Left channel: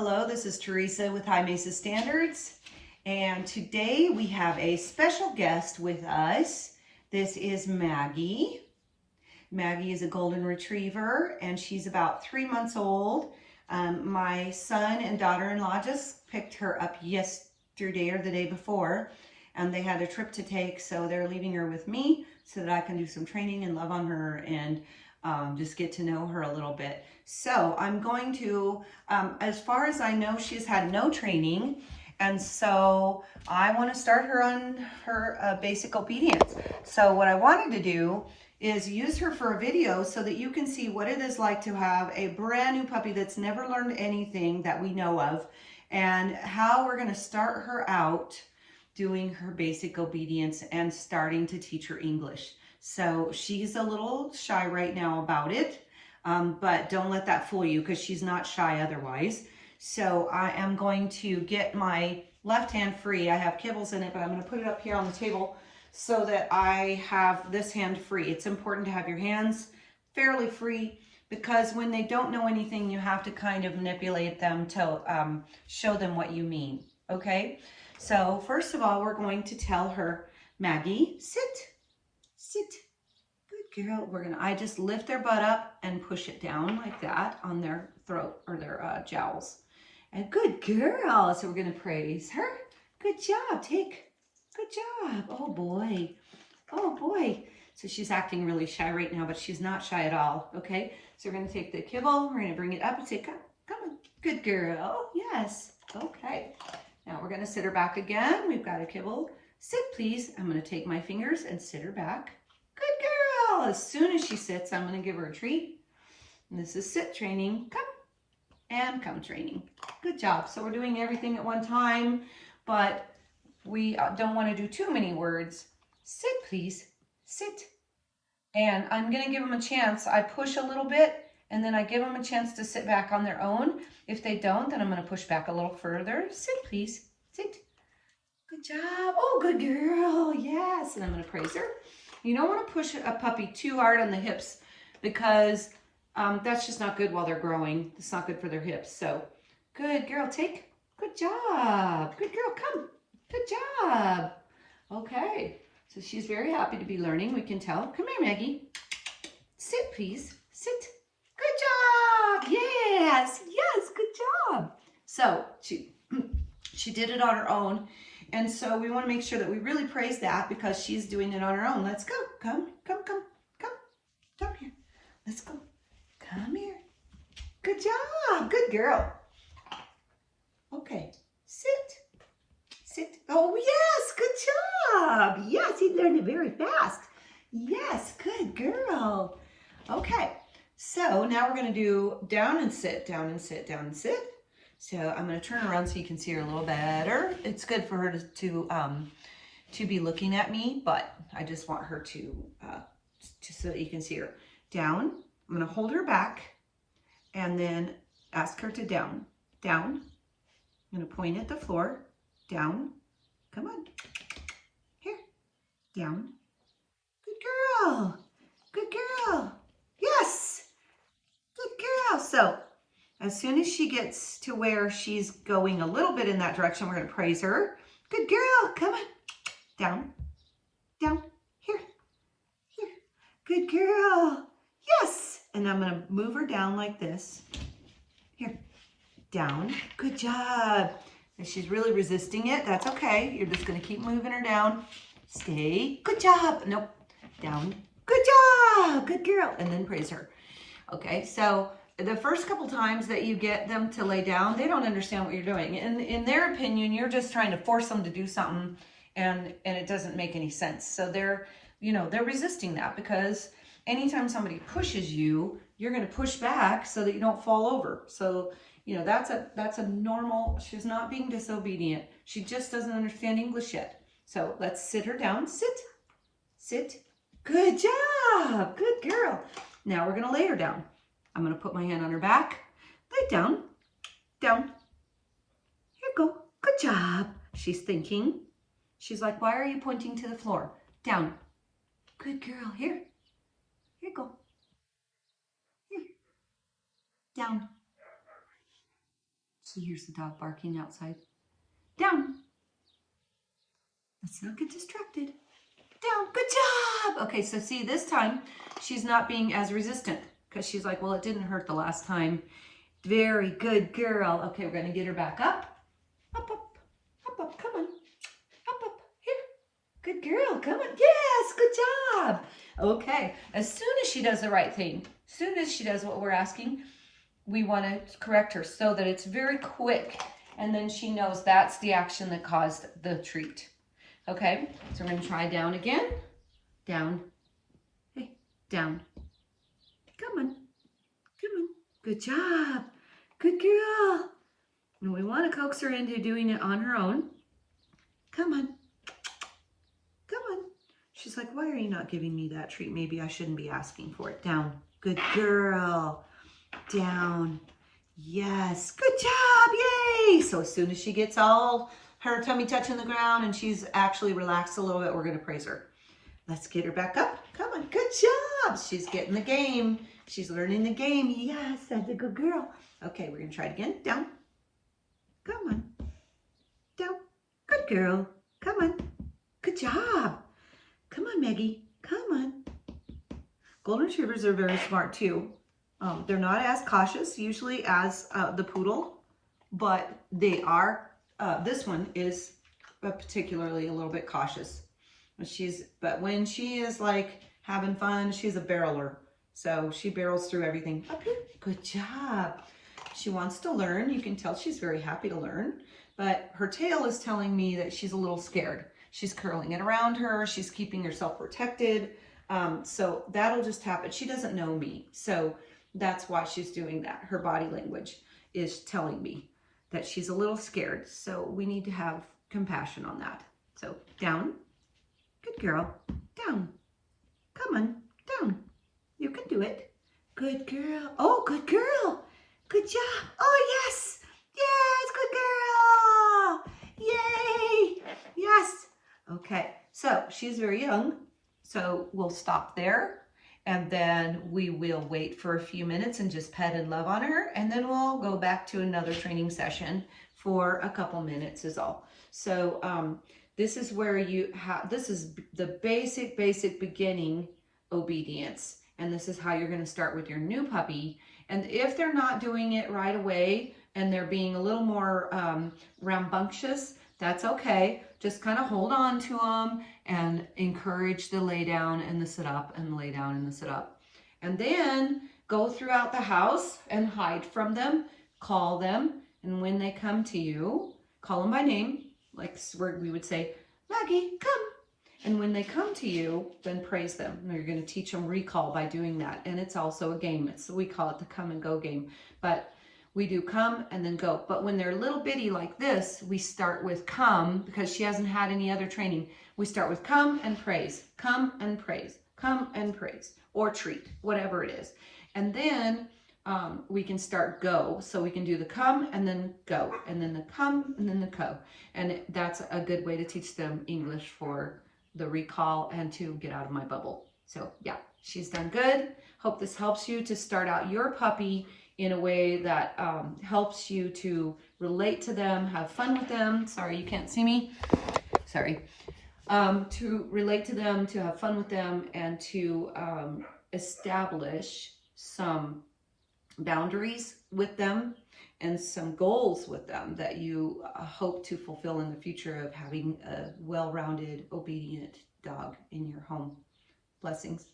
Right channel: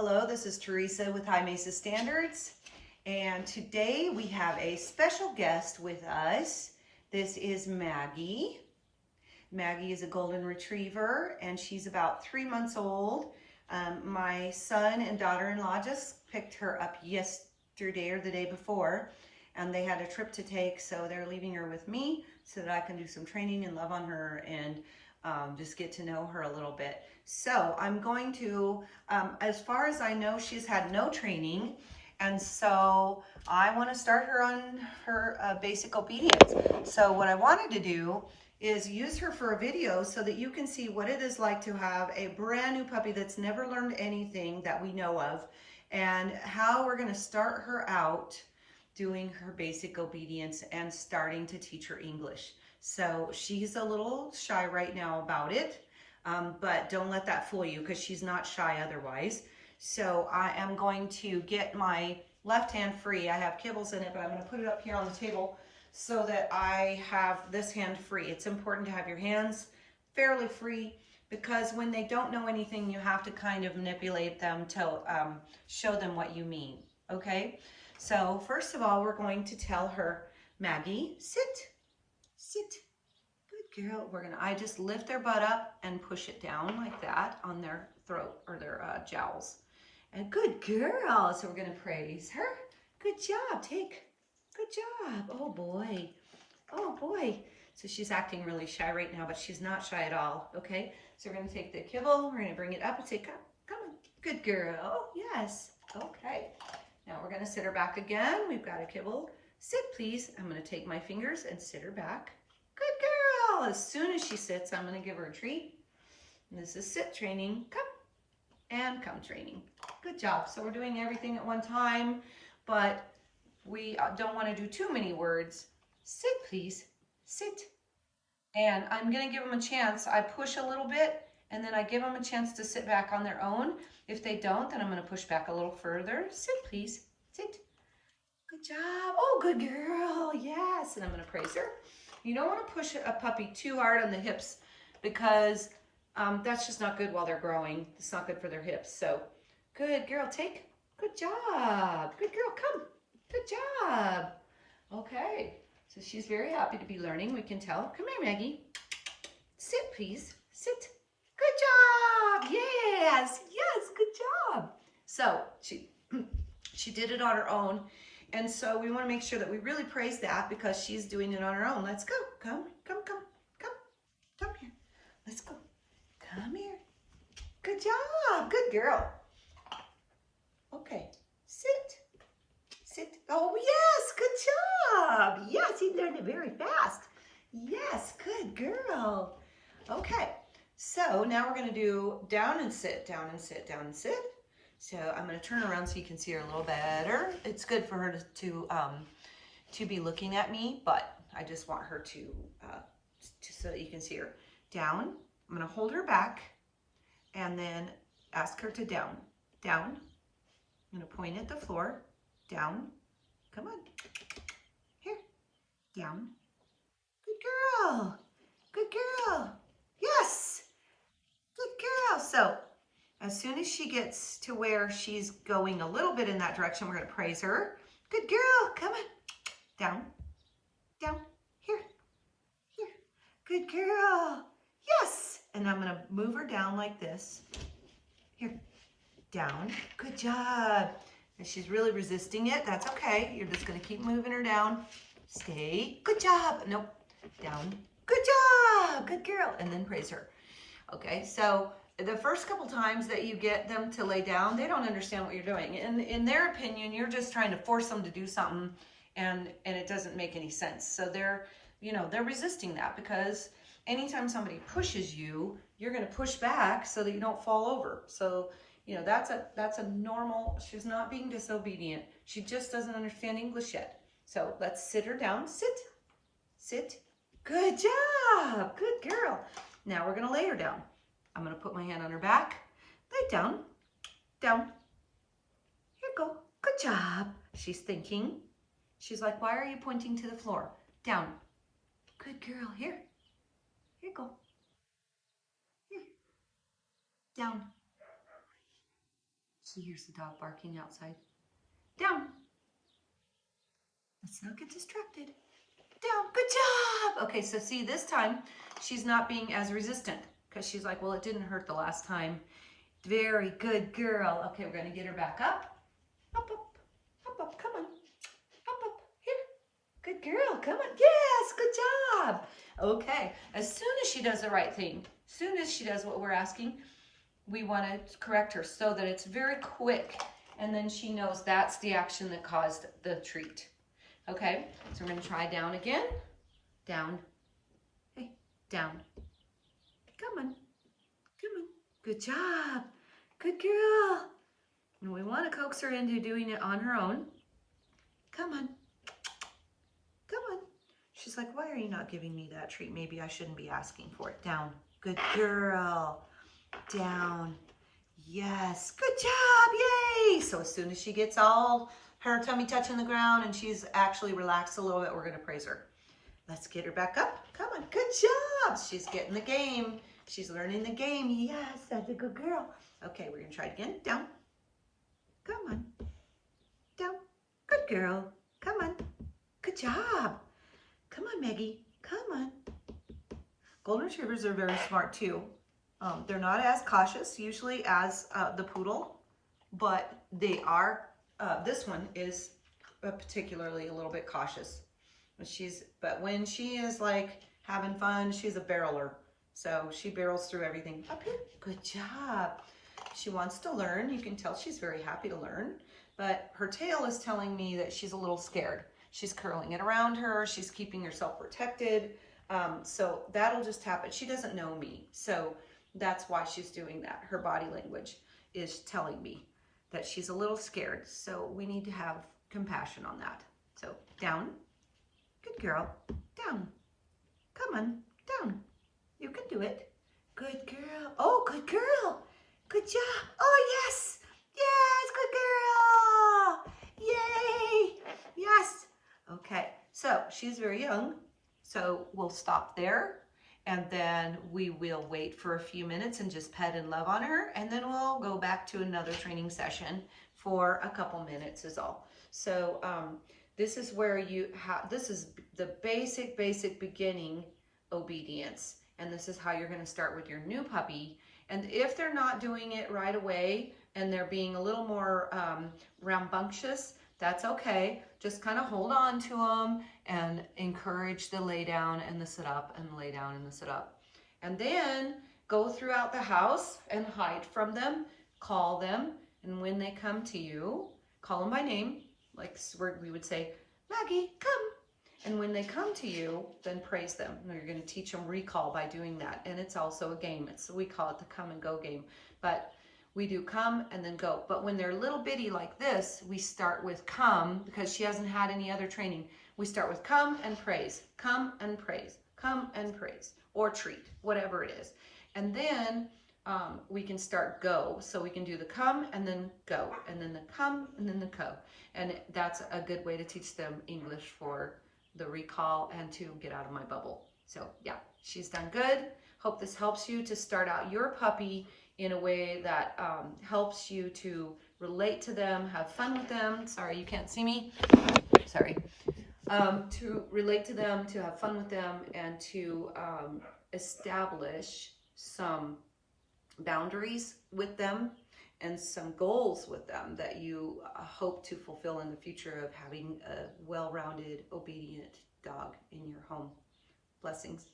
Hello, this is Teresa with High Mesa Standards, and today we have a special guest with us. This is Maggie. Maggie is a golden retriever, and she's about 3 months old. My son and daughter-in-law just picked her up yesterday or the day before, and they had a trip to take, so they're leaving her with me so that I can do some training and love on her and just get to know her a little bit. So I'm going to, as far as I know, she's had no training, and so I want to start her on her basic obedience. So what I wanted to do is use her for a video so that you can see what it is like to have a brand new puppy that's never learned anything that we know of, and how we're going to start her out doing her basic obedience and starting to teach her English. So she's a little shy right now about it, but don't let that fool you because she's not shy otherwise. So I am going to get my left hand free. I have kibbles in it, but I'm going to put it up here on the table so that I have this hand free. It's important to have your hands fairly free because when they don't know anything, you have to kind of manipulate them to show them what you mean, okay? So first of all, we're going to tell her, Maggie, sit. Sit. Good girl. I just lift their butt up and push it down like that on their throat or their jowls. And good girl. So we're going to praise her. Good job. Good job. Oh boy. Oh boy. So she's acting really shy right now, but she's not shy at all. Okay. So we're going to take the kibble. We're going to bring it up and say, come on. Good girl. Yes. Okay. Now we're going to sit her back again. We've got a kibble. Sit, please. I'm going to take my fingers and sit her back. Good girl. As soon as she sits, I'm going to give her a treat. And this is sit training. Come. And come training. Good job. So we're doing everything at one time, but we don't want to do too many words. Sit, please. Sit. And I'm going to give them a chance. I push a little bit, and then I give them a chance to sit back on their own. If they don't, then I'm going to push back a little further. Sit, please. Sit. Good job. Oh, good girl. Yes. And I'm going to praise her. You don't want to push a puppy too hard on the hips because that's just not good while they're growing. It's not good for their hips. So good girl. Take. Good job. Good girl. Come. Good job. Okay. So she's very happy to be learning. We can tell. Come here, Maggie. Sit, please. Sit. Good job. Yes. Yes. Good job. So she did it on her own. And so we want to make sure that we really praise that because she's doing it on her own. Let's go. Come here. Let's go. Come here. Good job. Good girl. Okay. Sit. Oh, yes. Good job. Yes, he learned it very fast. Yes, good girl. Okay. So now we're going to do down and sit, down and sit, down and sit. So I'm going to turn around so you can see her a little better. It's good for her to be looking at me, but I just want her to so that you can see her. Down. I'm going to hold her back and then ask her to down. Down. I'm going to point at the floor. Down. Come on. Here. Down. Good girl. Good girl. Yes. Good girl. So as soon as she gets to where she's going a little bit in that direction, we're going to praise her. Good girl. Come on. Down. Down. Here. Here. Good girl. Yes. And I'm going to move her down like this. Here. Down. Good job. And she's really resisting it. That's okay. You're just going to keep moving her down. Stay. Good job. Nope. Down. Good job. Good girl. And then praise her. Okay. So the first couple times that you get them to lay down, they don't understand what you're doing. And in their opinion, you're just trying to force them to do something and it doesn't make any sense. So they're resisting that because anytime somebody pushes you, you're going to push back so that you don't fall over. So, that's a normal, she's not being disobedient. She just doesn't understand English yet. So let's sit her down. Sit. Sit. Good job. Good girl. Now we're going to lay her down. I'm going to put my hand on her back. Lay down. Down. Here you go. Good job. She's thinking. She's like, why are you pointing to the floor? Down. Good girl. Here. Here you go. Here. Down. She hears the dog barking outside. Down. Let's not get distracted. Down. Good job. Okay, so see, this time she's not being as resistant because she's like, well, it didn't hurt the last time. Very good girl. Okay, we're going to get her back up. Up, up, up, up. Come on. Up, up. Here. Good girl. Come on. Yes, good job. Okay, as soon as she does the right thing, as soon as she does what we're asking, we want to correct her so that it's very quick. And then she knows that's the action that caused the treat. Okay, so we're going to try down again. Down. Hey, down. Come on. Come on. Good job. Good girl. And we want to coax her into doing it on her own. Come on. Come on. She's like, why are you not giving me that treat? Maybe I shouldn't be asking for it. Down. Good girl. Down. Yes. Good job. Yay. So as soon as she gets all her tummy touching the ground and she's actually relaxed a little bit, we're going to praise her. Let's get her back up. Come on. Good job. She's getting the game. She's learning the game. Yes, that's a good girl. Okay, we're going to try it again. Down. Come on. Down. Good girl. Come on. Good job. Come on, Maggie. Come on. Golden Retrievers are very smart too. They're not as cautious usually as the poodle, but they are, this one is particularly a little bit cautious. But when she is like having fun, she's a barreler. So she barrels through everything. Up here. Good job. She wants to learn. You can tell she's very happy to learn, but her tail is telling me that she's a little scared. She's curling it around her. She's keeping herself protected. So that'll just happen. She doesn't know me. So that's why she's doing that. Her body language is telling me that she's a little scared. So we need to have compassion on that. So down. Good girl. Down. Come on. Down. You can do it. Good girl. Oh, good girl. Good job. Oh, yes. Yes, good girl. Yay. Yes. Okay. So she's very young. So we'll stop there. And then we will wait for a few minutes and just pet and love on her. And then we'll go back to another training session for a couple minutes is all. So this is where you have, this is the basic beginning obedience. And this is how you're going to start with your new puppy. And if they're not doing it right away and they're being a little more rambunctious, that's okay. Just kind of hold on to them and encourage the lay down and the sit up and the lay down and the sit up. And then go throughout the house and hide from them, call them. And when they come to you, call them by name, like we would say, Maggie, come. And when they come to you, then praise them. You're going to teach them recall by doing that. And it's also a game. We call it the come and go game. But we do come and then go. But when they're little bitty like this, we start with come because she hasn't had any other training. We start with come and praise, come and praise, come and praise, or treat, whatever it is. And then we can start go. So we can do the come and then go, and then the come and then the go. And that's a good way to teach them English for the recall and to get out of my bubble. So yeah, she's done good. Hope this helps you to start out your puppy in a way that helps you to relate to them, have fun with them. Sorry, you can't see me. Sorry. To relate to them, to have fun with them, and to establish some boundaries with them and some goals with them that you hope to fulfill in the future of having a well-rounded, obedient dog in your home. Blessings.